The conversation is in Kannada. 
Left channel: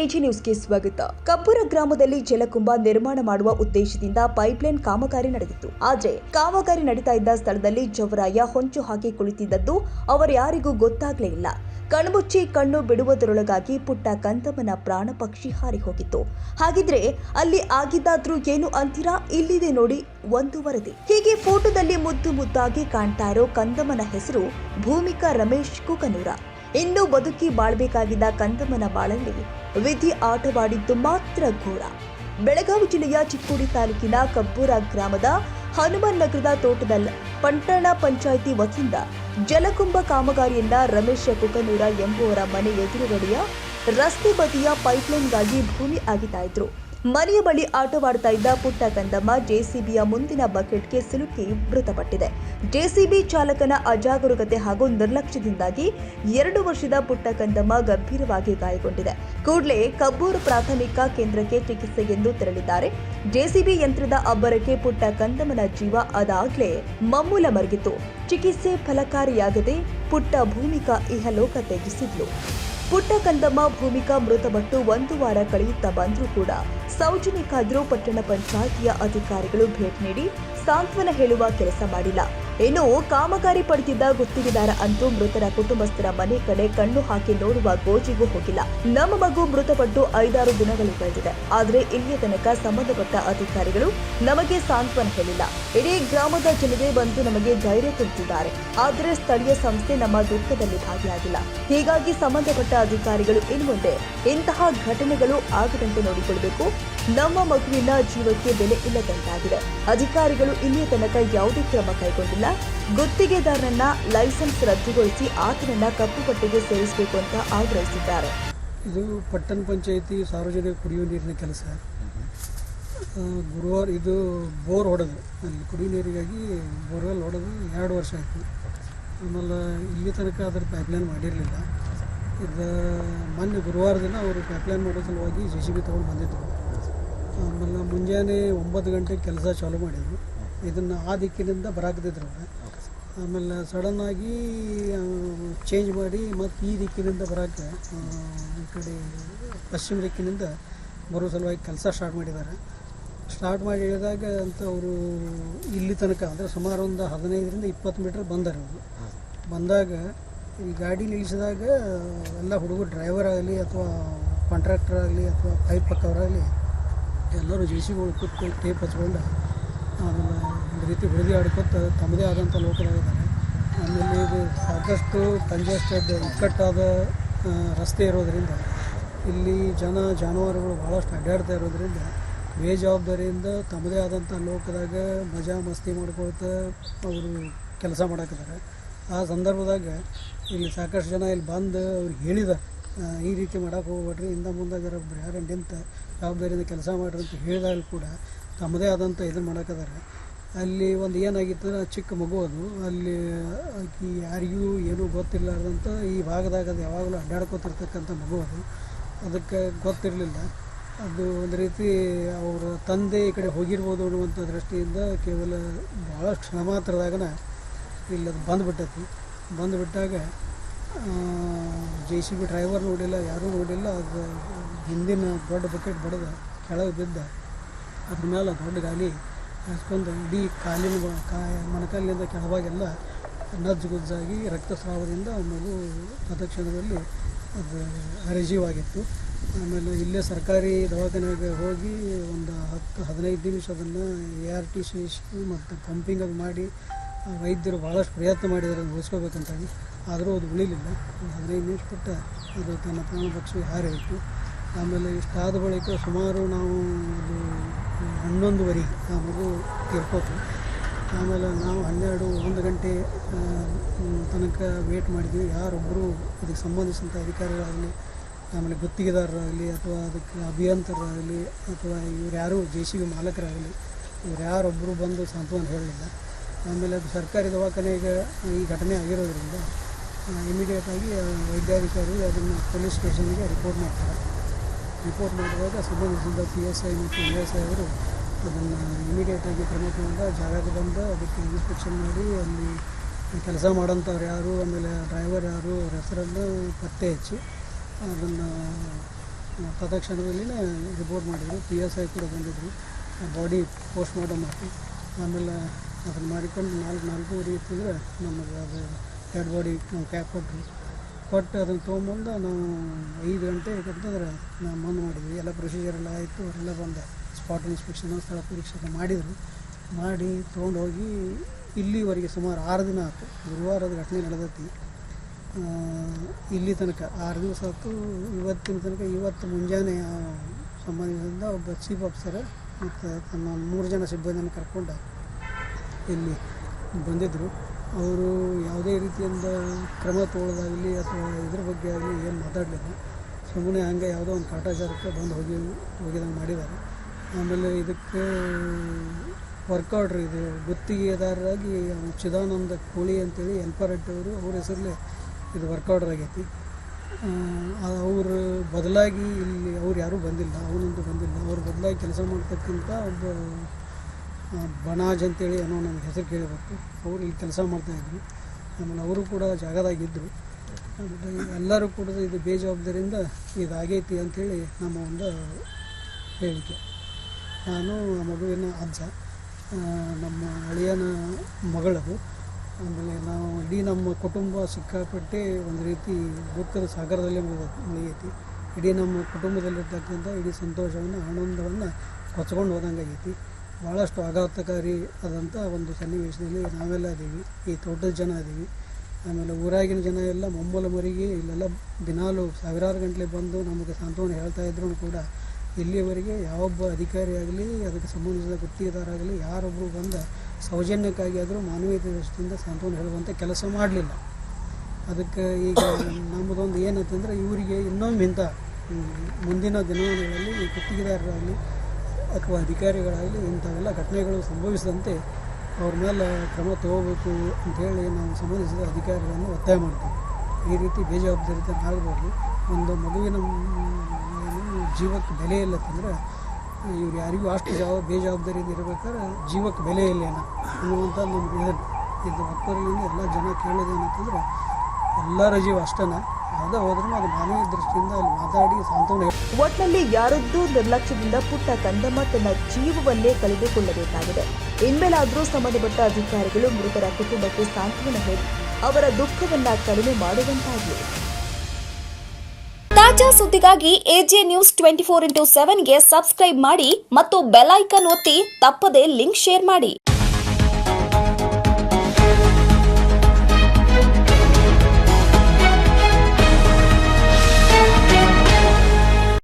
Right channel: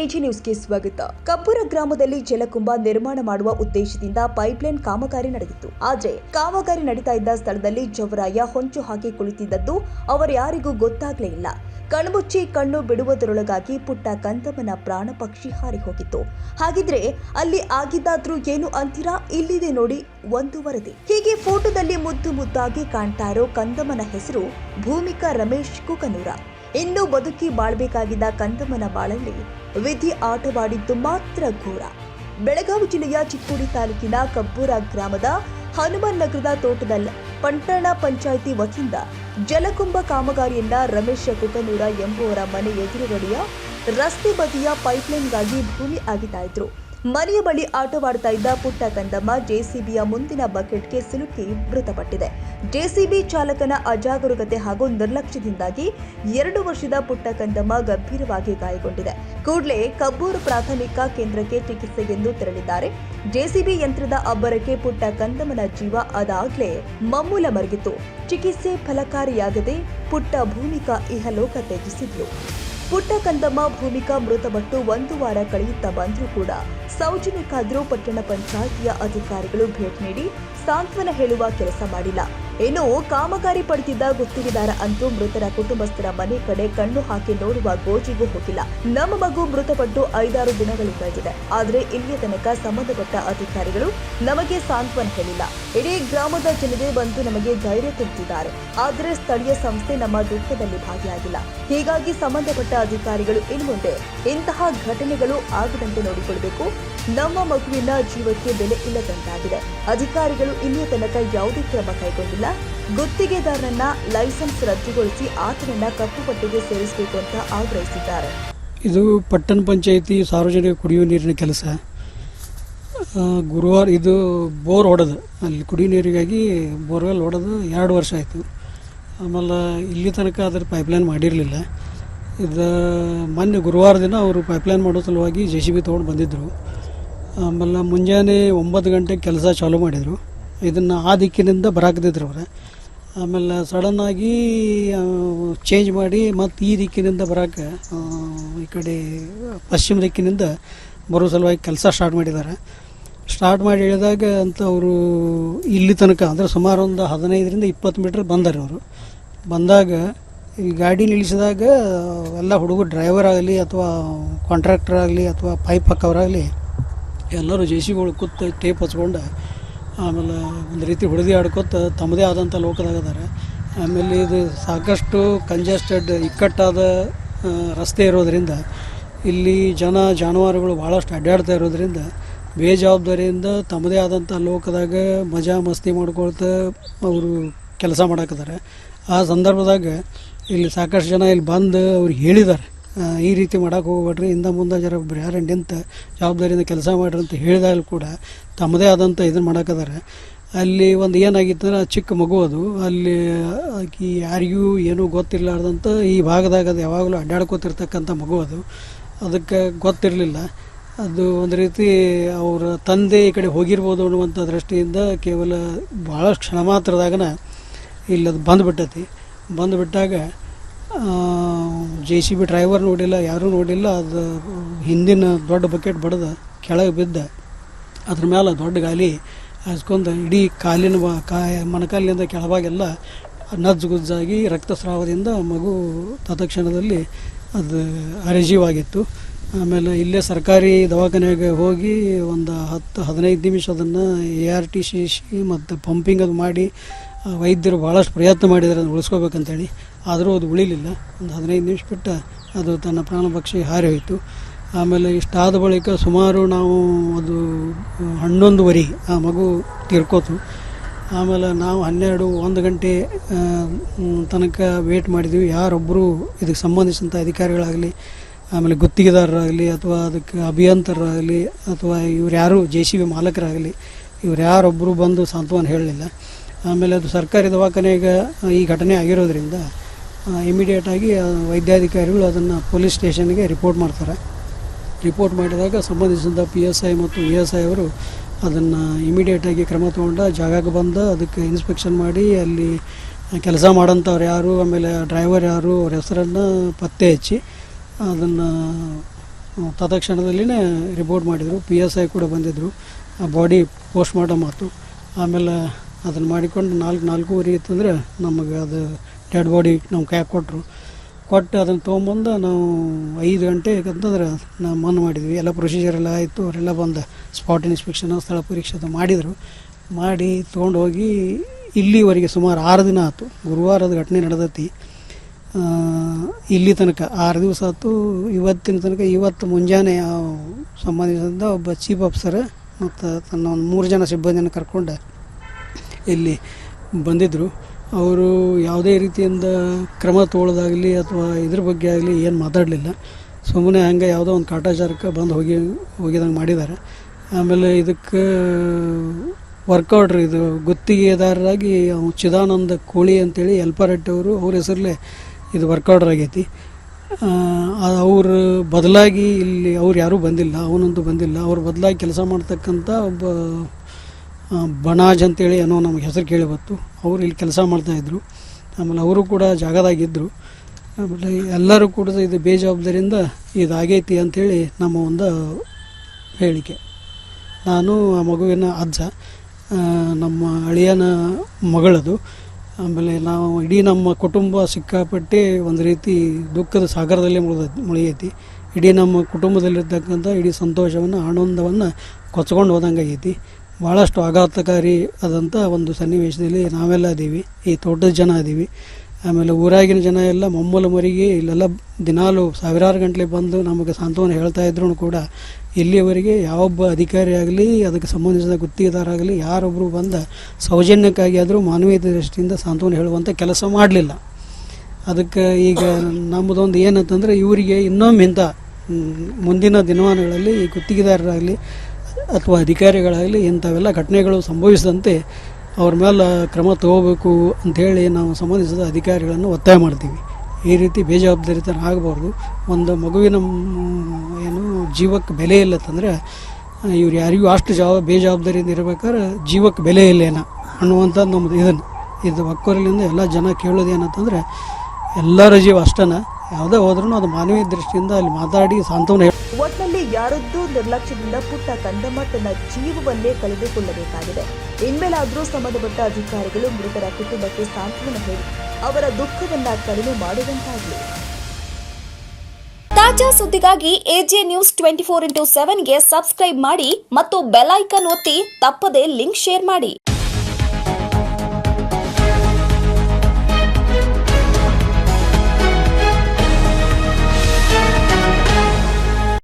ಎಜಿ ನ್ಯೂಸ್ಗೆ ಸ್ವಾಗತ. ಕಬ್ಬೂರ ಗ್ರಾಮದಲ್ಲಿ ಜಲಕುಂಭ ನಿರ್ಮಾಣ ಮಾಡುವ ಉದ್ದೇಶದಿಂದ ಪೈಪ್ಲೈನ್ ಕಾಮಗಾರಿ ನಡೆದಿತ್ತು. ಆದರೆ ಕಾಮಗಾರಿ ನಡೀತಾ ಇದ್ದ ಸ್ಥಳದಲ್ಲಿ ಜವರಾಯ ಹೊಂಚು ಹಾಕಿ ಕುಳಿತಿದ್ದದ್ದು ಅವರ್ಯಾರಿಗೂ ಗೊತ್ತಾಗಲೇ ಇಲ್ಲ. ಕಣ್ಮುಚ್ಚಿ ಕಣ್ಣು ಬಿಡುವುದರೊಳಗಾಗಿ ಪುಟ್ಟ ಕಂದಮ್ಮನ ಪ್ರಾಣ ಪಕ್ಷಿ ಹಾರಿ ಹೋಗಿತ್ತು. ಹಾಗಿದ್ರೆ ಅಲ್ಲಿ ಆಗಿದ್ದಾದ್ರೂ ಏನು ಅಂತೀರಾ? ಇಲ್ಲಿದೆ ನೋಡಿ ಒಂದು ವರದಿ. ಹೀಗೆ ಫೋಟೋದಲ್ಲಿ ಮುದ್ದು ಮುದ್ದಾಗಿ ಕಾಣ್ತಾ ಇರೋ ಕಂದಮ್ಮನ ಹೆಸರು ಭೂಮಿಕಾ ರಮೇಶ್ ಕುಕನೂರ. ಇನ್ನು ಬದುಕಿ ಬಾಳ್ಬೇಕಾಗಿದ್ದ ಕಂದಮ್ಮನ ಬಾಳಲ್ಲಿ ವಿಧಿ ಆಟವಾಡಿದ್ದು ಮಾತ್ರ ಘೋರ. ಬೆಳಗಾವಿ ಜಿಲ್ಲೆಯ ಚಿಕ್ಕೋಡಿ ತಾಲೂಕಿನ ಕಬ್ಬೂರ ಗ್ರಾಮದ ಹನುಮನ್ ನಗರದ ತೋಟದ ಪಟ್ಟಣ ಪಂಚಾಯಿತಿ ವತಿಯಿಂದ ಜಲಕುಂಭ ಕಾಮಗಾರಿಯನ್ನ ರಮೇಶ್ ಕುಕನೂರ ಎಂಬುವರ ಮನೆ ಎದುರುಗಡೆಯ ರಸ್ತೆ ಬದಿಯ ಪೈಪ್ಲೈನ್ಗಾಗಿ ಭೂಮಿ ಅಗಿತಾ ಇದ್ರು. ಮನೆಯ ಬಳಿ ಆಟವಾಡ್ತಾ ಇದ್ದ ಪುಟ್ಟ ಕಂದಮ್ಮ ಜೆಸಿಬಿಯ ಮುಂದಿನ ಬಕೆಟ್ಗೆ ಸಿಲುಕಿ ಮೃತಪಟ್ಟಿದೆ. ಜೆಸಿಬಿ ಚಾಲಕನ ಅಜಾಗರೂಕತೆ ಹಾಗೂ ನಿರ್ಲಕ್ಷ್ಯದಿಂದಾಗಿ 2 ವರ್ಷದ ಪುಟ್ಟ ಕಂದಮ್ಮ ಗಂಭೀರವಾಗಿ ಗಾಯಗೊಂಡಿದೆ. ಕೂಡಲೇ ಕಬ್ಬೂರು ಪ್ರಾಥಮಿಕ ಕೇಂದ್ರಕ್ಕೆ ಚಿಕಿತ್ಸೆಗೆಂದು ತೆರಳಿದ್ದಾರೆ. ಜೆಸಿಬಿ ಯಂತ್ರದ ಅಬ್ಬರಕ್ಕೆ ಪುಟ್ಟ ಕಂದಮ್ಮನ ಜೀವ ಅದಾಗ್ಲೇ ಮಮ್ಮೂಲ ಮರಗಿತ್ತು. ಚಿಕಿತ್ಸೆ ಫಲಕಾರಿಯಾಗದೆ ಪುಟ್ಟ ಭೂಮಿಕಾ ಇಹಲೋಕ ತ್ಯಜಿಸಿದ್ಲು. ಪುಟ್ಟ ಕಂದಮ್ಮ ಭೂಮಿಕಾ ಮೃತಪಟ್ಟು 1 ವಾರ ಕಳೆಯುತ್ತಾ ಬಂದರೂ ಕೂಡ ಸೌಜನ್ಯಕ್ಕಾದರೂ ಪಟ್ಟಣ ಪಂಚಾಯಿತಿಯ ಅಧಿಕಾರಿಗಳು ಭೇಟಿ ನೀಡಿ ಸಾಂತ್ವನ ಹೇಳುವ ಕೆಲಸ ಮಾಡಿಲ್ಲ. ಇನ್ನು ಕಾಮಗಾರಿ ಪಡೆದಿದ್ದ ಗುತ್ತಿಗೆದಾರ ಅಂತೂ ಮೃತರ ಕುಟುಂಬಸ್ಥರ ಮನೆ ಕಡೆ ಕಣ್ಣು ಹಾಕಿ ನೋಡುವ ಗೋಜಿಗೂ ಹೋಗಿಲ್ಲ. ನಮ್ಮ ಮಗು ಮೃತಪಟ್ಟು 5-6 ದಿನಗಳು ಕಳೆದಿದೆ, ಆದರೆ ಇಲ್ಲಿಯ ತನಕ ಸಂಬಂಧಪಟ್ಟ ಅಧಿಕಾರಿಗಳು ನಮಗೆ ಸಾಂತ್ವನ ಹೇಳಿಲ್ಲ. ಇಡೀ ಗ್ರಾಮದ ಜನತೆ ಬಂದು ನಮಗೆ ಧೈರ್ಯ ತುಂಬುತ್ತಿದ್ದಾರೆ, ಆದರೆ ಸ್ಥಳೀಯ ಸಂಸ್ಥೆ ನಮ್ಮ ದುಃಖದಲ್ಲಿ ಭಾಗಿಯಾಗಿಲ್ಲ. ಹೀಗಾಗಿ ಸಂಬಂಧಪಟ್ಟ ಅಧಿಕಾರಿಗಳು ಇನ್ನು ಮುಂದೆ ಇಂತಹ ಘಟನೆಗಳು ಆಗದಂತೆ ನೋಡಿಕೊಳ್ಳಬೇಕು. ನಮ್ಮ ಮಗುವಿನ ಜೀವಕ್ಕೆ ಬೆಲೆ ಇಲ್ಲದಂತಾಗಿದೆ. ಅಧಿಕಾರಿಗಳು ಇಲ್ಲಿಯ ತನಕ ಯಾವುದೇ ಕ್ರಮ ಕೈಗೊಂಡಿಲ್ಲ. ಗುತ್ತಿಗೆದಾರನನ್ನ ಲೈಸೆನ್ಸ್ ರದ್ದುಗೊಳಿಸಿ ಆತನನ್ನ ಕಪ್ಪು ಪಟ್ಟಿಗೆ ಸೇರಿಸಬೇಕು ಅಂತ ಆಗ್ರಹಿಸಿದ್ದಾರೆ. ಇದು ಪಟ್ಟಣ ಪಂಚಾಯಿತಿ ಸಾರ್ವಜನಿಕ ಕುಡಿಯುವ ನೀರಿನ ಕೆಲಸ. ಗುರುವಾರ ಇದು ಬೋರ್ ಹೊಡೆದು ಅಲ್ಲಿ ಕುಡಿಯುವ ನೀರಿಗಾಗಿ ಬೋರ್ವೆಲ್ ಹೊಡೆದು 2 ವರ್ಷ ಆಯಿತು. ಆಮೇಲೆ ಇಲ್ಲಿ ತನಕ ಅದ್ರ ಪೈಪ್ಲೈನ್ ಮಾಡಿರಲಿಲ್ಲ. ಇದು ಮೊನ್ನೆ ಗುರುವಾರ ದಿನ ಅವರು ಪೈಪ್ಲೈನ್ ಮಾಡೋ ಸಲುವಾಗಿ JCB ತೊಗೊಂಡು ಬಂದಿದ್ದರು. ಆಮೇಲೆ ಮುಂಜಾನೆ 9 ಗಂಟೆಗೆ ಕೆಲಸ ಚಾಲೂ ಮಾಡಿದರು. ಇದನ್ನು ಆ ದಿಕ್ಕಿನಿಂದ ಬರಾಕದಿದ್ರು ಅವರು. ಆಮೇಲೆ ಸಡನ್ನಾಗಿ ಚೇಂಜ್ ಮಾಡಿ ಮತ್ತು ಈ ದಿಕ್ಕಿನಿಂದ ಬರೋಕ್ಕೆ ಈ ಕಡೆ ಪಶ್ಚಿಮ ದಿಕ್ಕಿನಿಂದ ಬರೋ ಸಲುವಾಗಿ ಕೆಲಸ ಸ್ಟಾರ್ಟ್ ಮಾಡಿದ್ದಾರೆ. ಸ್ಟಾರ್ಟ್ ಮಾಡಿ ಹೇಳಿದಾಗ ಅಂತ ಅವರು ಇಲ್ಲಿ ತನಕ ಅಂದರೆ ಸುಮಾರು ಒಂದು 15ರಿಂದ 20 ಮೀಟ್ರ್ ಬಂದಾರೆ. ಅವರು ಬಂದಾಗ ಈ ಗಾಡಿ ನಿಲ್ಲಿಸಿದಾಗ ಎಲ್ಲ ಹುಡುಗರು ಡ್ರೈವರ್ ಆಗಲಿ ಅಥವಾ ಕಾಂಟ್ರಾಕ್ಟರ್ ಆಗಲಿ ಅಥವಾ ಪೈಪ್ ಹಾಕೋರಾಗಲಿ ಎಲ್ಲರೂ JCBಗಳು ಕೂತು ಟೇಪ್ ಹಚ್ಕೊಂಡು ಆಮೇಲೆ ಒಂದು ರೀತಿ ಹುಡುಗಿ ಆಡ್ಕೊತ ತಮ್ಮದೇ ಆದಂಥ ಲೋಕದಾಗಿದ್ದಾರೆ. ಆಮೇಲೆ ಇದು ಸಾಕಷ್ಟು ಕಂಜೆಸ್ಟೆಡ್ ಇಕ್ಕಟ್ಟಾದ ರಸ್ತೆ ಇರೋದರಿಂದ ಇಲ್ಲಿ ಜಾನುವಾರುಗಳು ಭಾಳಷ್ಟು ಅಡ್ಡಾಡ್ತಾ ಇರೋದರಿಂದ ಬೇಜವಾಬ್ದಾರಿಯಿಂದ ತಮ್ಮದೇ ಆದಂಥ ಲೋಕದಾಗ ಮಜಾ ಮಸ್ತಿ ಮಾಡ್ಕೊಳ್ತಾ ಅವರು ಕೆಲಸ ಮಾಡಾಕಿದ್ದಾರೆ. ಆ ಸಂದರ್ಭದಾಗ ಇಲ್ಲಿ ಸಾಕಷ್ಟು ಜನ ಇಲ್ಲಿ ಬಂದು ಅವ್ರಿಗೆ ಹೇಳಿದ್ದಾರೆ, ಈ ರೀತಿ ಮಾಡೋಕೆ ಹೋಗ್ಬೇಡ್ರಿ, ಇಂದ ಮುಂದೆ ಜರ ಯಾರು ನಿಂತು ಜವಾಬ್ದಾರಿಯಿಂದ ಕೆಲಸ ಮಾಡ್ರಿ ಅಂತ ಹೇಳಿದಾಗ ಕೂಡ ತಮ್ಮದೇ ಆದಂಥ ಇದನ್ನು ಮಾಡಾಕಿದ್ದಾರೆ. ಅಲ್ಲಿ ಒಂದು ಏನಾಗಿತ್ತು ಅಂದ್ರೆ ಚಿಕ್ಕ ಮಗು ಅದು, ಅಲ್ಲಿ ಆಕಿ ಯಾರಿಗೂ ಏನೂ ಗೊತ್ತಿರಲಾರ್ದಂಥ ಈ ಭಾಗದಾಗ ಅದು ಯಾವಾಗಲೂ ಅಡ್ಡಾಡ್ಕೋತಿರ್ತಕ್ಕಂಥ ಮಗು ಅದು. ಅದಕ್ಕೆ ಗೊತ್ತಿರಲಿಲ್ಲ. ಅದು ಒಂದು ರೀತಿ ಅವರ ತಂದೆ ಈ ಕಡೆ ಹೋಗಿರ್ಬೋದು ಅನ್ನುವಂಥ ದೃಷ್ಟಿಯಿಂದ ಕೇವಲ ಭಾಳಷ್ಟು ಕ್ಷಣ ಮಾತ್ರದಾಗನ ಇಲ್ಲಿ ಅದು ಬಂದುಬಿಟ್ಟೈತಿ. ಬಂದುಬಿಟ್ಟಾಗ JCB ಡ್ರೈವರ್ ನೋಡಿಲ್ಲ, ಯಾರೂ ನೋಡಿಲ್ಲ. ಅದು ಹಿಂದಿನ ದೊಡ್ಡ ಬಕೆಟ್ ಬಡ್ದು ಕೆಳಗೆ ಬಿದ್ದ ಅದ್ರ ಮೇಲೆ ದೊಡ್ಡ ಗಾಲಿ ಹಚ್ಕೊಂಡು ಇಡೀ ಕಾಲಿನ ಮೊಣಕಾಲಿನಿಂದ ಕೆಳಭಾಗೆಲ್ಲ ನಜ್ಜುಗುಜ್ಜಾಗಿ ರಕ್ತಸ್ರಾವದಿಂದ ಮಗು ತತ್ಕ್ಷಣದಲ್ಲಿ ಅದು ಅರೆಜೀವಾಗಿತ್ತು. ಆಮೇಲೆ ಇಲ್ಲೇ ಸರ್ಕಾರಿ ದವಾಖಾನೆಗೆ ಹೋಗಿ ಒಂದು 10-15 ನಿಮಿಷ ಅದನ್ನು ART ಮತ್ತು ಪಂಪಿಂಗ್ ಅದು ಮಾಡಿ ವೈದ್ಯರು ಭಾಳಷ್ಟು ಪ್ರಯತ್ನ ಮಾಡಿದ್ದಾರೆ ಅದನ್ನು ಉಳಿಸ್ಕೋಬೇಕಂತೇಳಿ. ಆದರೂ ಅದು ಉಳಿಲಿಲ್ಲ. ಒಂದು 15 ನಿಮಿಷ ಬಿಟ್ಟು ಅದು ತನ್ನ ಪ್ರಾಣ ಪಕ್ಷಿ ಹಾರಿ ಹೋಯಿತು. ಆಮೇಲೆ ಇಷ್ಟಾದ ಬಳಿಕ ಸುಮಾರು ನಾವು ಅದು 11:30 ಆ ಮಗು ತೀರ್ಕೋತು. ಆಮೇಲೆ ನಾವು 12-1 ಗಂಟೆ ತನಕ ವೇಟ್ ಮಾಡಿದ್ವಿ. ಯಾರೊಬ್ಬರು ಇದಕ್ಕೆ ಸಂಬಂಧಿಸಿದಂಥ ಅಧಿಕಾರಿಗಳಾಗಲಿ, ಆಮೇಲೆ ಗುತ್ತಿಗೆದಾರರಾಗಲಿ ಅಥವಾ ಅದಕ್ಕೆ ಅಭಿಯಂತರರಾಗಲಿ ಅಥವಾ ಇವ್ರು ಯಾರು JCB ಮಾಲಕರಾಗಲಿ ಇವ್ರು ಯಾರೊಬ್ಬರು ಬಂದು ಸಾಂತ್ವನ ಹೇಳಲಿಲ್ಲ. ಆಮೇಲೆ ಅದು ಸರ್ಕಾರಿ ದವಾಖಾನೆಗೆ ಈ ಘಟನೆ ಆಗಿರೋದ್ರಿಂದ ಇಮಿಡಿಯೇಟಾಗಿ ವೈದ್ಯಾಧಿಕಾರಿಗಳು ಅದನ್ನು ಪೊಲೀಸ್ ಸ್ಟೇಷನ್ಗೆ ರಿಪೋರ್ಟ್ ಮಾಡ್ತಾರೆ. ರಿಪೋರ್ಟ್ ಮಾಡಿದಾಗ ಸಂಬಂಧಿಸಿದ PSI ಮತ್ತು VSI ಅವರು ಅದನ್ನು ಇಮಿಡಿಯೇಟಾಗಿ ಕ್ರಮ ತೊಗೊಂಡು ಜಾಗಕ್ಕೆ ಬಂದು ಅದಕ್ಕೆ ಇನ್ಸ್ಪೆಕ್ಷನ್ ಮಾಡಿ ಅಲ್ಲಿ ಕೆಲಸ ಮಾಡೋಂಥವ್ರು ಯಾರು, ಆಮೇಲೆ ಡ್ರೈವರ್ ಯಾರು, ಅವ್ರ ಹೆಸರನ್ನು ಪತ್ತೆ ಹಚ್ಚಿ ಅದನ್ನು ತತ್ಕ್ಷಣದಲ್ಲಿನೇ ರಿಪೋರ್ಟ್ ಮಾಡಿದರು. PSI ಕೂಡ ಬಂದಿದ್ದರು. ಬಾಡಿ ಪೋಸ್ಟ್ ಮಾರ್ಟಮ್ ಆಯಿತು. ಆಮೇಲೆ ಅದನ್ನು ಮಾಡಿಕೊಂಡು 4:30 ಇತ್ತಂದ್ರೆ ನಮಗೆ ಅದು ಡೆಡ್ ಬಾಡಿ ನಮ್ಮ ಕೈಯಾಗ ಕೊಟ್ಟು ಅದನ್ನು ತೊಗೊಂಬಂದು ನಾವು 5 ಗಂಟೆಗೆ ಅಂತಂದ್ರೆ ನಾವು ಮಣ್ಣು ಮಾಡಿದ್ವಿ. ಎಲ್ಲ ಪ್ರೊಸೀಜರ್ ಎಲ್ಲ ಆಯಿತು. ಅವರೆಲ್ಲ ಬಂದು ಸ್ಪಾಟ್ ಇನ್ಸ್ಪೆಕ್ಷನ್ ಸ್ಥಳ ಪರೀಕ್ಷೆ ಅದು ಮಾಡಿ ತೊಗೊಂಡು ಹೋಗಿ ಇಲ್ಲಿವರೆಗೆ ಸುಮಾರು 6 ದಿನ ಆಯಿತು. ಗುರುವಾರದ ಘಟನೆ ನಡೆದೈತಿ. ಇಲ್ಲಿ ತನಕ 6 ದಿವಸ ಆಯ್ತು. ಇವತ್ತಿನ ತನಕ ಇವತ್ತು ಮುಂಜಾನೆ ಸಂಬಂಧಿಸಿದ ಒಬ್ಬ ಚೀಫ್ ಆಫೀಸರ್ ಮತ್ತು ತನ್ನ ಒಂದು 3 ಜನ ಸಿಬ್ಬಂದಿಯನ್ನು ಕರ್ಕೊಂಡು ಇಲ್ಲಿ ಬಂದಿದ್ದರು. ಅವರು ಯಾವುದೇ ರೀತಿಯಿಂದ ಕ್ರಮ ತಗೊಳ್ಳೋದಾಗಲಿ ಅಥವಾ ಇದ್ರ ಬಗ್ಗೆ ಆಗಲಿ ಏನು ಮಾತಾಡಲಿಲ್ಲ. ಸುಮ್ಮನೆ ಹಂಗೆ ಯಾವುದೋ ಒಂದು ಕಾಟಾಚಾರಕ್ಕೆ ಬಂದು ಹೋಗಿದಂಗೆ ಮಾಡಿದ್ದಾರೆ. ಆಮೇಲೆ ಇದಕ್ಕೆ ವರ್ಕೌಟ್ರ್ ಇದು ಗುತ್ತಿಗೆದಾರರಾಗಿ ಚಿದಾನಂದ ಕೋಳಿ ಅಂತೇಳಿ ಎಲ್ಪಾರೆಡ್ಡಿ ಅವ್ರ ಹೆಸರಲ್ಲೇ ಇದು ವರ್ಕೌಟ್ರ್ ಆಗೈತಿ. ಅವ್ರ ಬದಲಾಗಿ ಇಲ್ಲಿ ಅವ್ರು ಯಾರೂ ಬಂದಿಲ್ಲ, ಅವನಂತೂ ಬಂದಿಲ್ಲ. ಅವ್ರ ಬದಲಾಗಿ ಕೆಲಸ ಮಾಡ್ತಕ್ಕಂಥ ಒಬ್ಬ ಬಣಾಜ್ ಅಂತೇಳಿ ಏನೋ ನಮಗೆ ಹೆಸರು ಕೇಳಿ ಬಂತು. ಅವರು ಇಲ್ಲಿ ಕೆಲಸ ಮಾಡ್ತಾಯಿದ್ರು. ಆಮೇಲೆ ಅವರು ಕೂಡ ಜಾಗದಾಗಿದ್ದರು. ಆಮೇಲೆ ಎಲ್ಲರೂ ಕೂಡ ಇದು ಬೇಜವಾಬ್ದಾರಿಯಿಂದ ಇದಾಗೈತಿ ಅಂಥೇಳಿ ನಮ್ಮ ಒಂದು ಹೇಳಿಕೆ. ನಾನು ಆ ಮಗುವಿನ ಅಜ್ಜ, ನಮ್ಮ ಅಳಿಯನ ಮಗಳದು. ಆಮೇಲೆ ನಾವು ಇಡೀ ನಮ್ಮ ಕುಟುಂಬ ಸಿಕ್ಕಾಪಟ್ಟೆ ಒಂದು ರೀತಿ ದುಃಖದ ಸಾಗರದಲ್ಲೇ ಮುಳಿಯೈತಿ. ಇಡೀ ನಮ್ಮ ಕುಟುಂಬದಲ್ಲಿರ್ತಕ್ಕಂಥ ಇಡೀ ಸಂತೋಷವನ್ನು ಆನಂದವನ್ನು ಕೊಚ್ಕೊಂಡು ಹೋದಂಗೆ ಆಗೈತಿ. ಭಾಳಷ್ಟು ಆಘಾತಕಾರಿ ಆದಂಥ ಒಂದು ಸನ್ನಿವೇಶದಲ್ಲಿ ನಾವೆಲ್ಲ ಇದ್ದೀವಿ. ಈ ತೋಟದ ಜನ ಇದ್ದೀವಿ. ಆಮೇಲೆ ಊರಾಗಿನ ಜನ ಎಲ್ಲ ಮೊಮ್ಮಲ ಮರಿಗೆ ಇಲ್ಲೆಲ್ಲ ದಿನಾಲು ಸಾವಿರಾರು ಗಂಟಲೆ ಬಂದು ನಮಗೆ ಸಾಂತ್ವನ ಹೇಳ್ತಾ ಇದ್ರು ಕೂಡ ಇಲ್ಲಿಯವರೆಗೆ ಯಾವೊಬ್ಬ ಅಧಿಕಾರಿ ಆಗಲಿ ಅದಕ್ಕೆ ಸಂಬಂಧಿಸಿದ ಗುತ್ತಿಗೆದಾರಾಗಲಿ ಯಾರೊಬ್ಬರು ಬಂದ ಸೌಜನ್ಯಕ್ಕಾಗಿ ಆದರೂ ಮಾನವೀಯತೆ ದೃಷ್ಟಿಯಿಂದ ಸಾಂತ್ವನ ಹೇಳುವಂಥ ಕೆಲಸ ಮಾಡಲಿಲ್ಲ. ಅದಕ್ಕೆ ಈಗ ನಮ್ಮದೊಂದು ಏನಂತಂದರೆ ಇವರಿಗೆ ಇನ್ನೊಮ್ಮೆ ಇಂಥ ಮುಂದಿನ ದಿನಮಾನಗಳಲ್ಲಿ ಈ ಗುತ್ತಿಗೆದಾರರಾಗಲಿ ಅಥವಾ ಅಧಿಕಾರಿಗಳಾಗಲಿ ಇಂಥವೆಲ್ಲ ಘಟನೆಗಳು ಸಂಭವಿಸಿದಂತೆ ಅವ್ರ ಮೇಲೆ ಕ್ರಮ ತಗೋಬೇಕು ಅಂಥೇಳಿ ನಾವು ಸಂಬಂಧಿಸಿದ ಅಧಿಕಾರಿಗಳನ್ನು ಒತ್ತಾಯ ಮಾಡ್ತೀವಿ. ಈ ರೀತಿ ಬೇಜವಾಬ್ದಾರಿತನ ಆಗಬಾರ್ದು. ಒಂದು ಮಗುವಿನ ಏನು ಜೀವಕ್ಕೆ ಬೆಲೆ ಇಲ್ಲತ್ತಂದರೆ ಇವ್ರು ಯಾರಿಗೂ ಅಷ್ಟು ಬೇಜವಾಬ್ದಾರಿಯಿಂದ ಇರಬೇಕಾದ್ರೆ ಜೀವಕ್ಕೆ ಬೆಲೆ ಇಲ್ಲೇನ ಅನ್ನುವಂಥ ನಮ್ಮದು ಇದು ಒಕ್ಕೊರಲಿಂದ ಎಲ್ಲ ಜನ ಕೇಳೋದೇನಂತಂದರೆ ಎಲ್ಲರ ಜೀವ ಅಷ್ಟನ, ಯಾವುದೇ ಹೋದ್ರೂ ಅದು ಮಾನವೀಯ ದೃಷ್ಟಿಯಿಂದ ಅಲ್ಲಿ ಮಾತಾಡಿ ಸಾಂತ್ವನ. ಒಟ್ನಲ್ಲಿ ಯಾರದ್ದೂ ನಿರ್ಲಕ್ಷ್ಯದಿಂದ ಪುಟ್ಟ ಕಂದಮ್ಮ ತನ್ನ ಜೀವವನ್ನೇ ಕಳೆದುಕೊಳ್ಳಬೇಕಾಗಿದೆ. ಇನ್ಮೇಲಾದರೂ ಸಂಬಂಧಪಟ್ಟ ಅಧಿಕಾರಿಗಳು ಮೃತರ ಕುಟುಂಬಕ್ಕೆ ಸಾಂತ್ವನ ಹೇಳಿ ಅವರ ದುಃಖವನ್ನ ಕಡಿಮೆ ಮಾಡುವಂತಾಗಲಿ. ತಾಜಾ ಸುದ್ದಿಗಾಗಿ AJ ನ್ಯೂಸ್ 24x7ಗೆ ಸಬ್ಸ್ಕ್ರೈಬ್ ಮಾಡಿ ಮತ್ತು ಬೆಲ್ ಐಕಾನ್ ಒತ್ತಿ ತಪ್ಪದೇ ಲಿಂಕ್ ಶೇರ್ ಮಾಡಿ.